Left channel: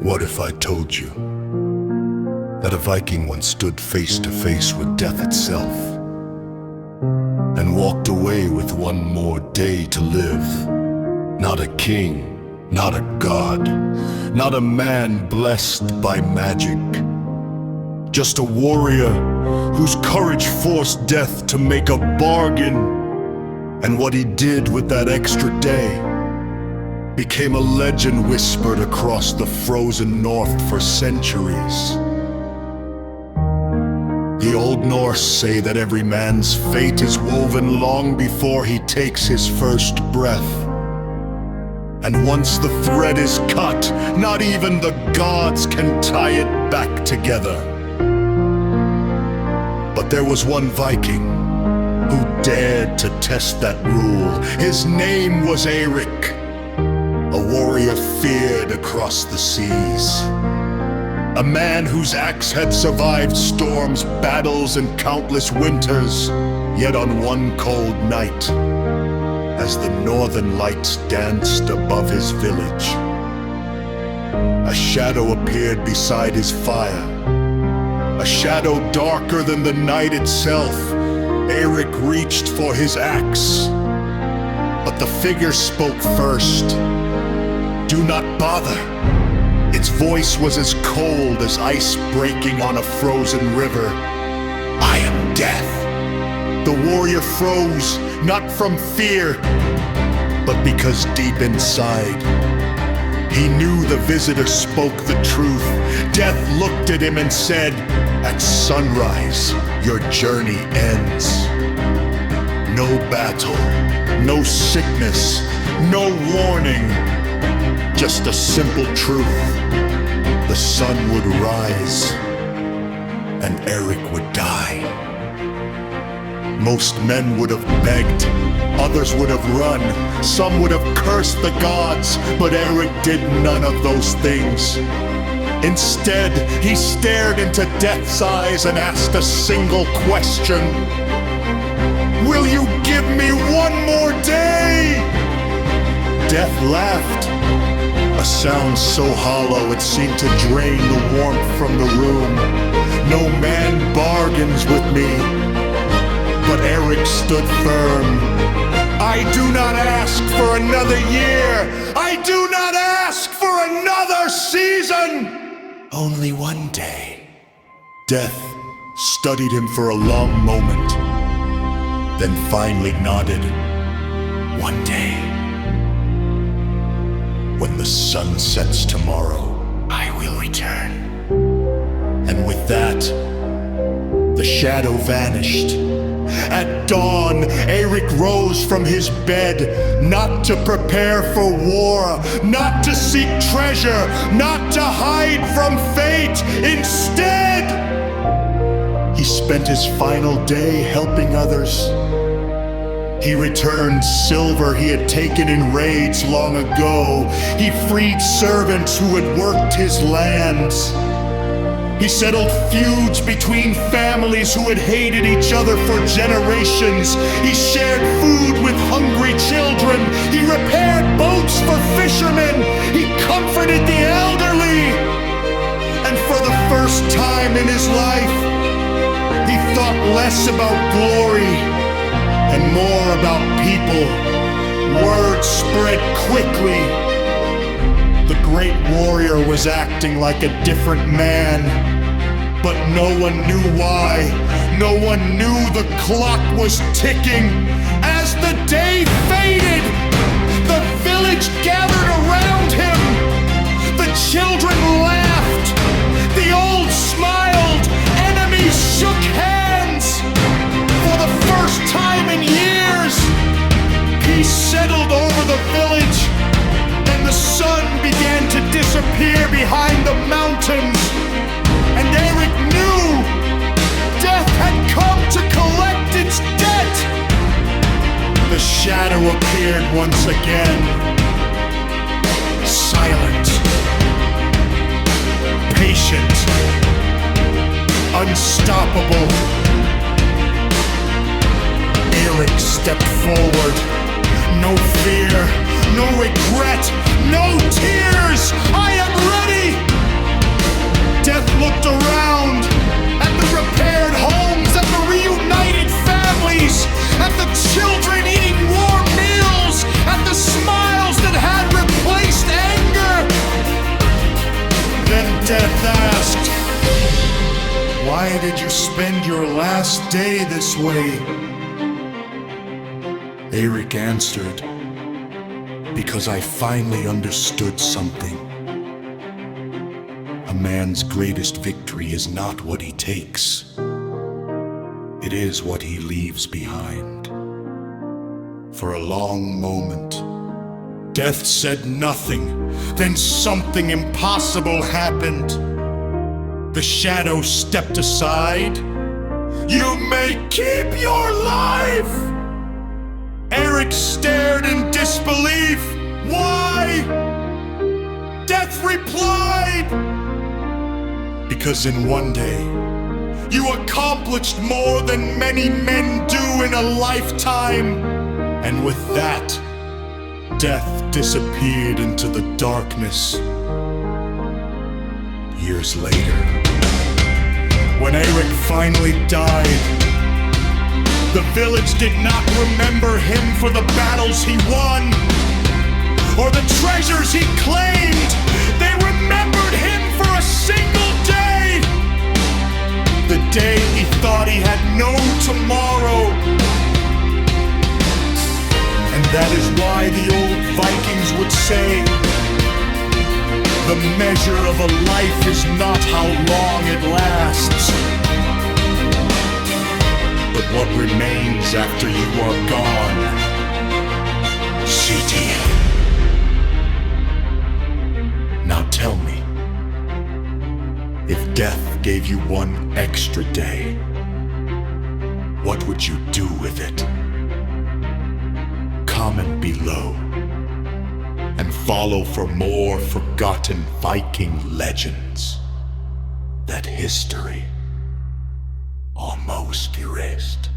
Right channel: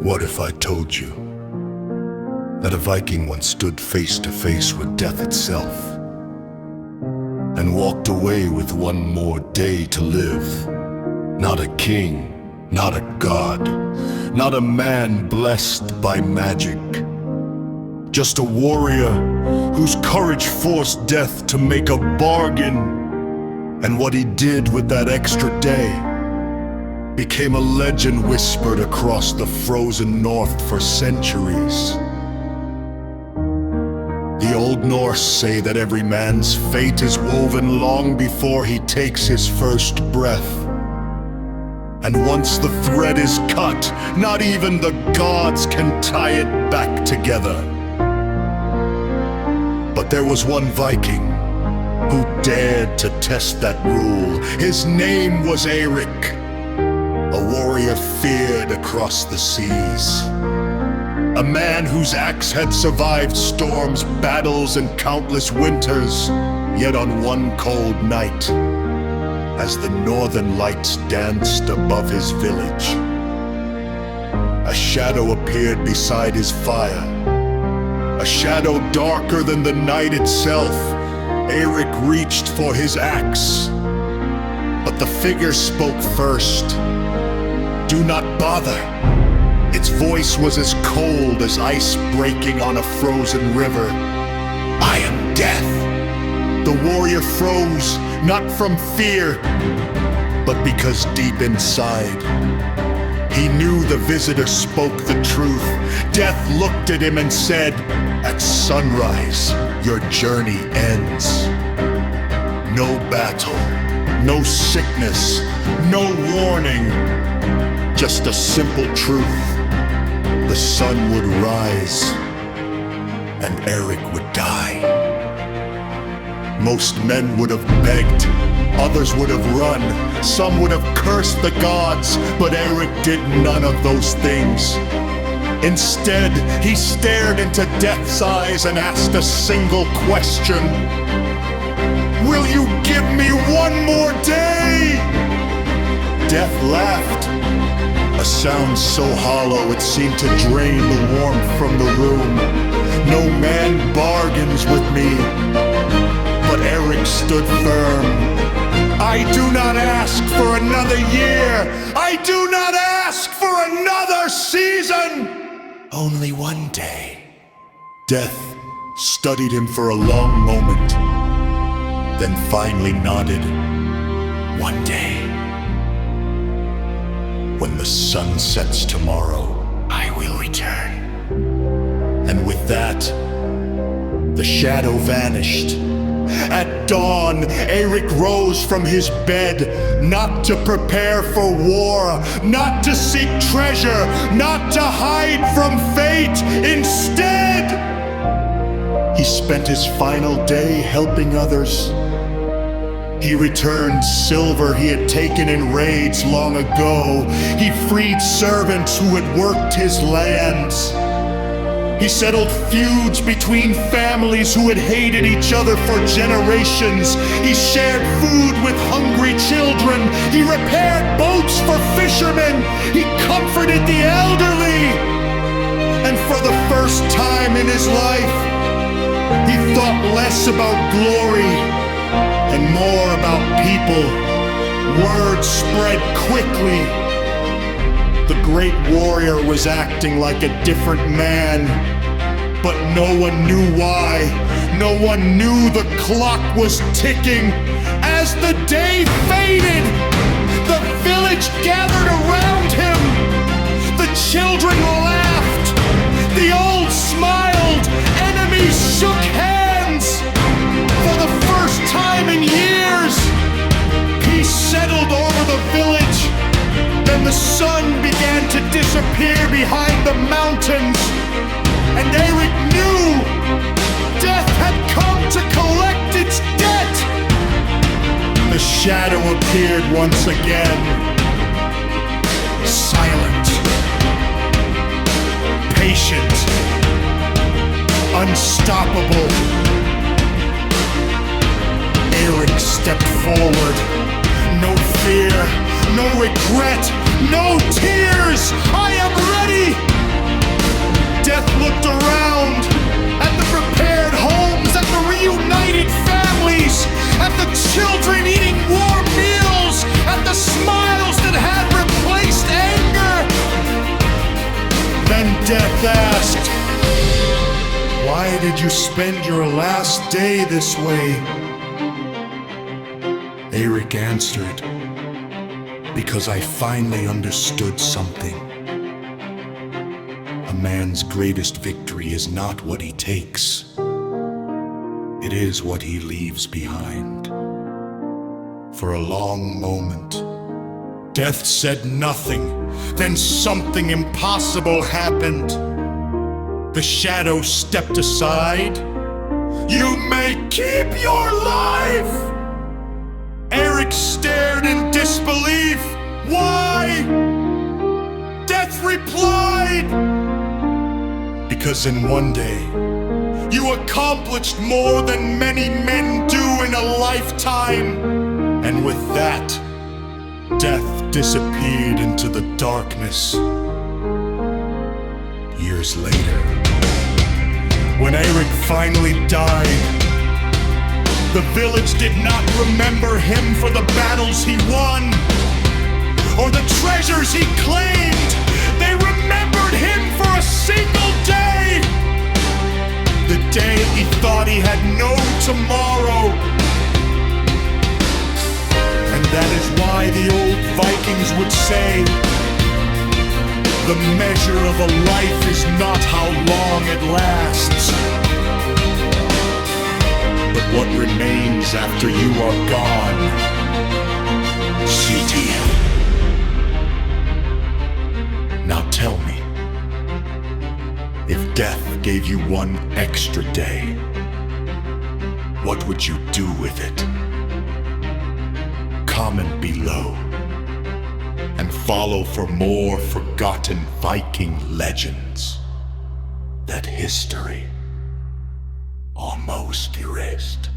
What if I told you that a Viking once stood face to face with death itself and walked away with one more day to live? Not a king, not a god, not a man blessed by magic. Just a warrior whose courage forced death to make a bargain. And what he did with that extra day became a legend whispered across the frozen north for centuries. The old Norse say that every man's fate is woven long before he takes his first breath. And once the thread is cut, not even the gods can tie it back together. But there was one Viking who dared to test that rule. His name was Eirik, a warrior feared across the seas. A man whose axe had survived storms, battles, and countless winters. Yet on one cold night, as the northern lights danced above his village, a shadow appeared beside his fire. A shadow darker than the night itself. Eirik reached for his axe, but the figure spoke first. "Do not bother." Its voice was as cold as ice breaking on a frozen river. "I am death." The warrior froze, not from fear, but because deep inside, he knew the visitor spoke the truth. Death looked at him and said, "At sunrise, your journey ends." No battle, no sickness, no warning, just a simple truth. The sun would rise, and Eirik would die. Most men would have begged, others would have run, some would have cursed the gods, but Eirik did none of those things. Instead, he stared into death's eyes and asked a single question. "Will you give me one more day?" Death laughed, a sound so hollow it seemed to drain the warmth from the room. "No man bargains with me." But Eirik stood firm. "I do not ask for another year. I do not ask for another season. Only one day." Death studied him for a long moment, then finally nodded. "One day. When the sun sets tomorrow, I will return." And with that, the shadow vanished. At dawn, Eirik rose from his bed, not to prepare for war, not to seek treasure, not to hide from fate. Instead, he spent his final day helping others. He returned silver he had taken in raids long ago. He freed servants who had worked his lands. He settled feuds between families who had hated each other for generations. He shared food with hungry children. He repaired boats for fishermen. He comforted the elderly. And for the first time in his life, he thought less about glory and more about people. Word spread quickly. The great warrior was acting like a different man, but no one knew why. No one knew the clock was ticking. As the day faded, the village gathered around him. The children laughed. The old smiled. Enemies shook hands. For the first time in years, peace settled over the village. Then the sun began to disappear behind the mountains, and Eirik knew death had come to collect its debt. The shadow appeared once again, silent, patient, unstoppable. Eirik stepped forward. No fear, no regret, no tears. I am ready. Death looked around at the repaired homes, at the reunited families, at the children eating warm meals, at the smiles that had replaced anger. Then Death asked, "Why did you spend your last day this way?" Eirik answered, "Because I finally understood something. A man's greatest victory is not what he takes. It is what he leaves behind." For a long moment, Death said nothing. Then something impossible happened. The shadow stepped aside. "You may keep your life!" Eirik stared in disbelief. "Why?" Death replied, "Because in one day, you accomplished more than many men do in a lifetime." And with that, Death disappeared into the darkness. Years later, when Eirik finally died, the village did not remember him for the battles he won or the treasures he claimed. They remembered him for a single day. The day he thought he had no tomorrow. And that is why the old Vikings would say, "The measure of a life is not how long it lasts, but what remains after you are gone." CT. Now tell me, if Death gave you one extra day, what would you do with it? Comment below and follow for more forgotten Viking legends that history almost erased.